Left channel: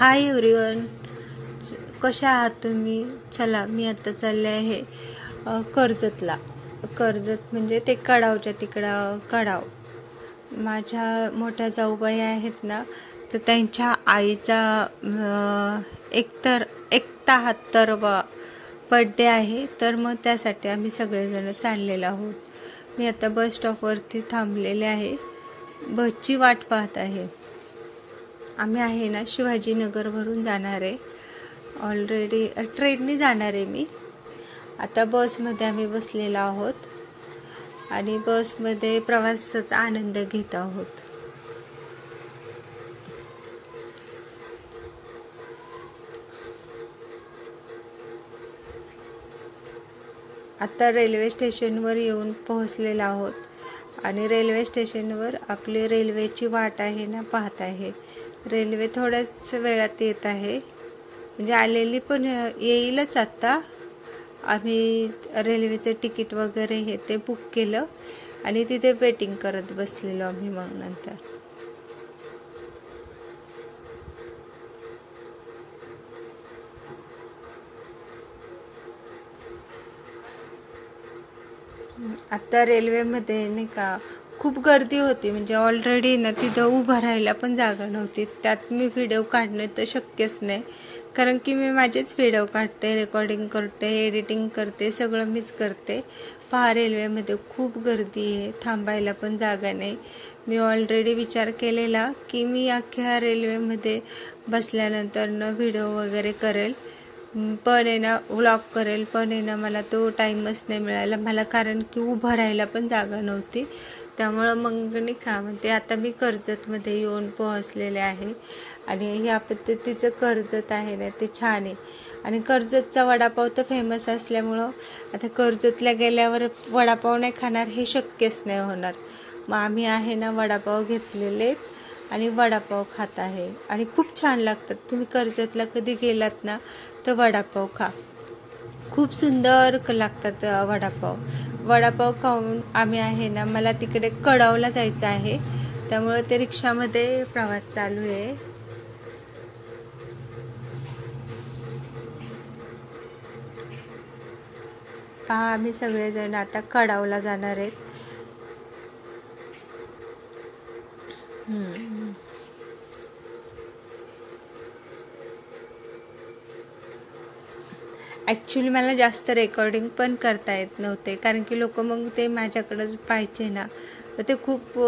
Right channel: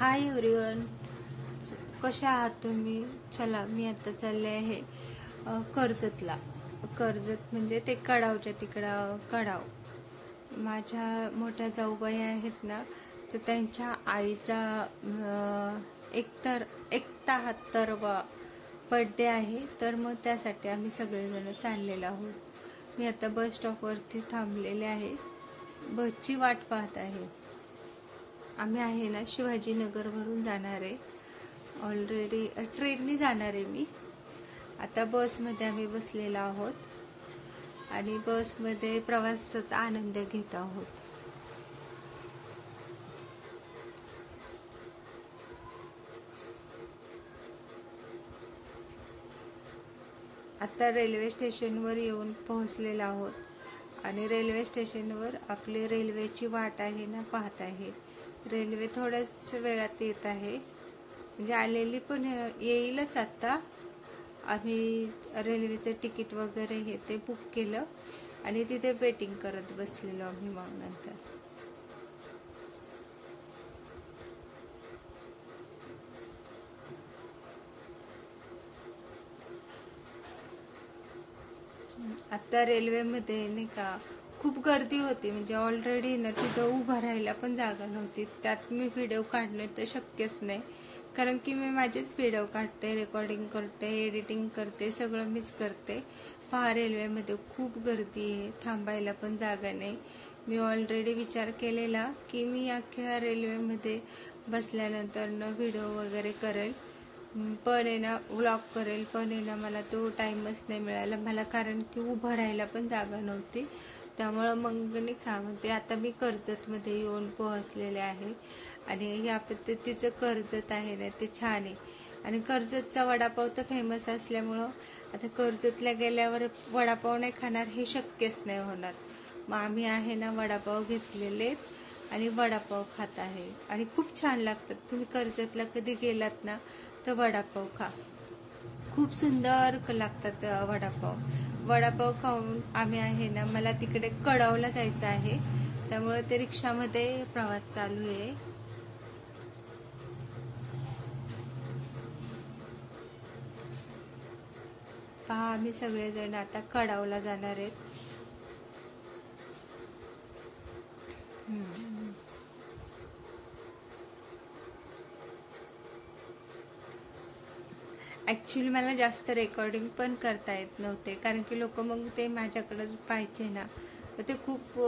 Hi everyone, कशा आहात तुम्ही? चला, मी आता चालले आहे कर्जतला. कर्जत म्हणजे ते कडावच्या तिकडं कडाव. माझ्या मोठ्या जाऊबाई आहेत ना, तर त्यांच्या आईचा 71वा बड्डे आहे. तर मग त्यासाठी आम्ही सगळेजण चाललेलो आहोत. मी आता बस स्टॉपवरती थांबलेले आहे, बसची वाट पाहत आहे. आम्ही आहे ना शिवाजीनगरवरून जाणार आहे. ऑलरेडी ट्रेनने जाणार आहे मी. आता बसमध्ये आम्ही बसलेलो आहोत आणि बसमध्ये प्रवासाचा आनंद घेत आहोत. आता रेल्वे स्टेशनवर येऊन पोहोचलेलो आहोत आणि रेल्वे स्टेशनवर आपली रेल्वेची वाट आहे ना पाहत आहे. रेल्वे थोड्याच वेळात येत आहे, म्हणजे आलेली पण येईलच. आत्ता आम्ही रेल्वेचं तिकीट वगैरे हे ते बुक केलं आणि तिथे वेटिंग करत बसलेलो आम्ही. मग नंतर आता रेल्वेमध्ये नाही का खूप गर्दी होती, म्हणजे ऑलरेडी ना तिथं उभं राहायला पण जागा नव्हती. त्यात मी व्हिडिओ काढणं तर शक्यच नाही, कारण की मी माझेच व्हिडिओ काढते, रेकॉर्डिंग करते, एडिटिंग करते, सगळं मीच करते. पहा, रेल्वेमध्ये खूप गर्दी आहे, थांबायला पण जागा नाही. मी ऑलरेडी विचार केलेला की मी अख्ख्या रेल्वेमध्ये बसल्यानंतर व्हिडिओ वगैरे करेल, पण आहे ना व्लॉग करेल, पण आहे ना मला तो टाईमच नाही मिळाला मला, कारण की उभं राहायला पण जागा नव्हती. त्यामुळं मग नाही का म्हणते, आता मी कर्जतमध्ये येऊन पोहोचलेले आहे आणि ह्या पद्धतीचं कर्जत आहे ना ते छान आहे. आणि कर्जतचा वडापाव तर फेमस असल्यामुळं आता कर्जतला गेल्यावर वडापाव नाही खाणार हे शक्यच नाही होणार. मग आम्ही आहे ना वडापाव घेतलेले आणि वडापाव खात आहे आणि खूप छान लागतात. तुम्ही कर्जतला कधी गेलात ना तर वडापाव खा, खूप सुंदर लागतात वडापाव खाऊन आम्ही आहे ना, मला तिकडे कडावला जायचं आहे, त्यामुळे ते रिक्षामध्ये प्रवास चालू आहे. पहा, आम्ही सगळेजण आता कडावला जाणार आहेत. ॲक्च्युली मला जास्त रेकॉर्डिंग पण करता येत नव्हते, कारण की लोक मग ते माझ्याकडंच पाहिजे ना, तर ते खूप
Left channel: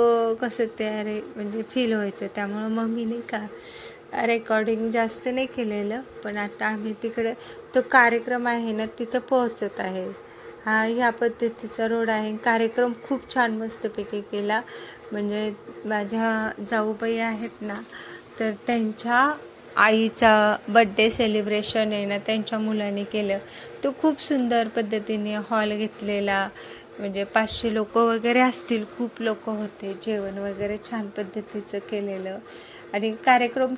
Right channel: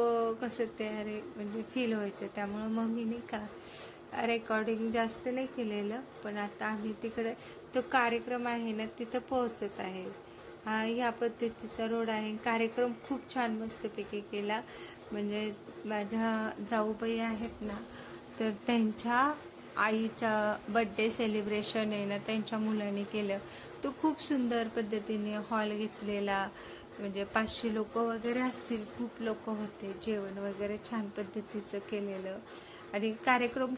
कसं ते म्हणजे फील व्हायचं. त्यामुळं मग मी नाही का रेकॉर्डिंग जास्त नाही केलेलं. पण आता आम्ही तिकडे तो कार्यक्रम आहे ना तिथं पोहोचत आहे. ह्या पद्धतीचा रोड आहे. कार्यक्रम खूप छान मस्तपैकी केला, म्हणजे माझ्या जाऊबाई आहेत ना, तर त्यांच्या आईचा बड्डे सेलिब्रेशन आहे ना त्यांच्या मुलांनी केलं. तो खूप सुंदर पद्धतीने हॉल घेतलेला, म्हणजे 500 लोक वगैरे असतील, खूप लोक होते. जेवण वगैरे छान पद्धतीचं केलेलं आणि कार्यक्रम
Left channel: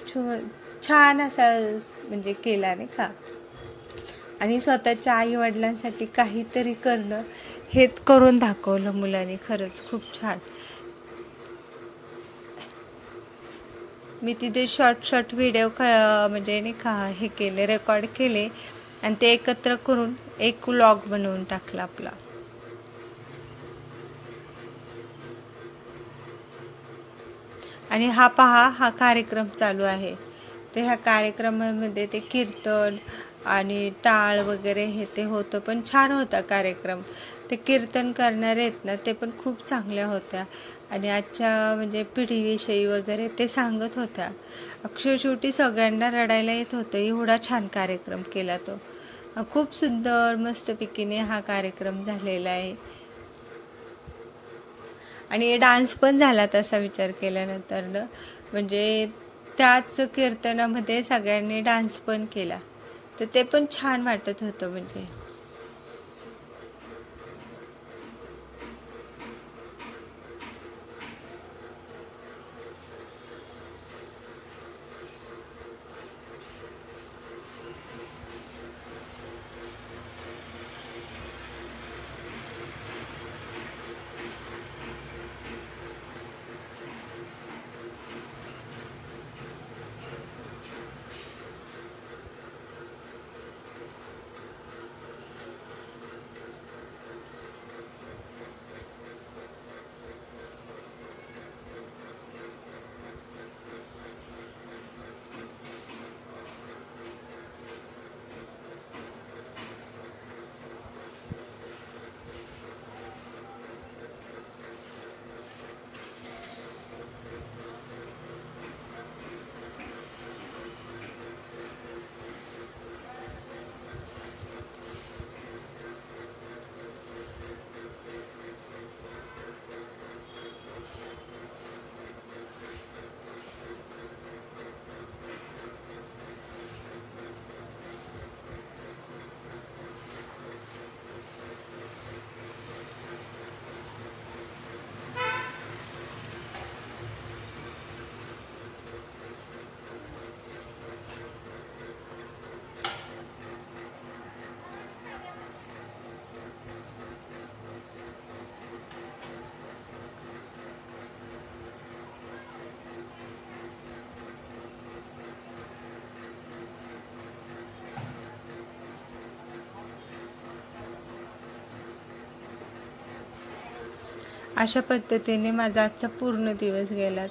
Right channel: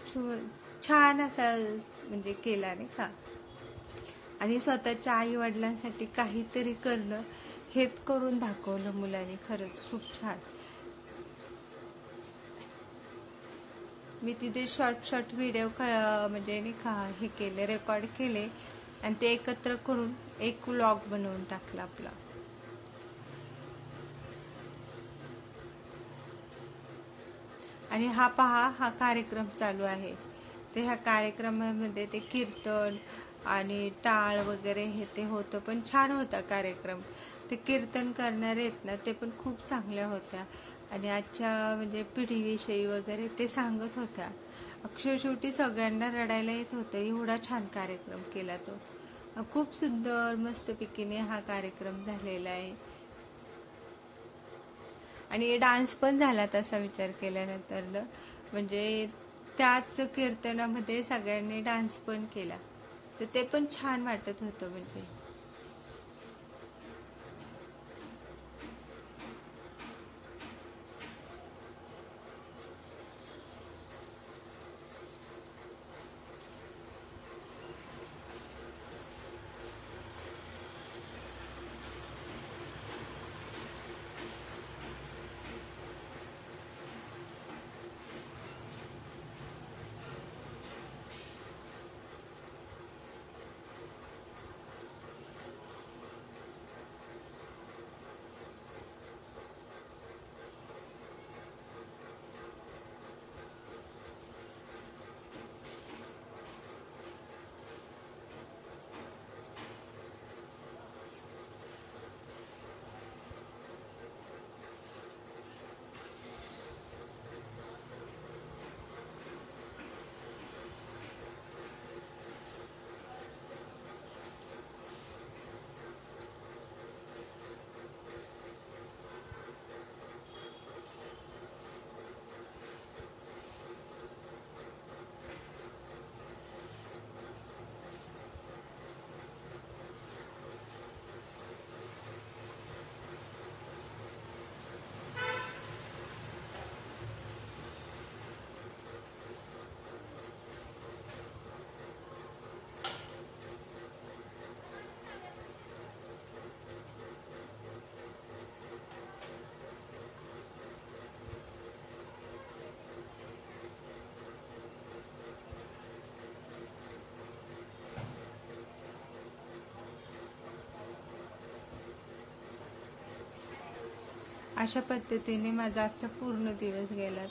छान असा म्हणजे केला नाही का. आणि स्वतःच्या आई वडिलांसाठी काहीतरी करणं हेच करून दाखवलं मुलांनी. खरंच खूप छान. मी तिथे शॉर्ट व्हिडिओ म्हणजे नाही का हे केले, रेकॉर्ड केले आणि ते एकत्र करून एक व्लॉग बनवून टाकला आपला. आणि हा पहा, हा कार्यक्रम चालू आहे. ते ह्या कार्यक्रमामध्ये ते कीर्तन आणि टाळ वगैरे हे ते होतं, पण छान होता कार्यक्रम. ते कीर्तन करणारे आहेत ना ते पण खूप चांगल्या होत्या आणि आजच्या म्हणजे पिढीविषयी वगैरे ते सांगत होत्या. शेवटी सगळ्यांना रडायला येत होतं, एवढा छान कार्यक्रम केला तो. खूप सुंदर मस्तपैकीने हा कार्यक्रम झालेला आहे आणि डान्स पण झाला तसा विचार केल्यानंतर ना, म्हणजे त्याच कीर्तनामध्ये सगळ्यांनी डान्स पण केला, तर ते पण छान वाटत होतं. म्हणजे अशा पद्धतीने माझा आजचा पूर्ण दिवस गेला.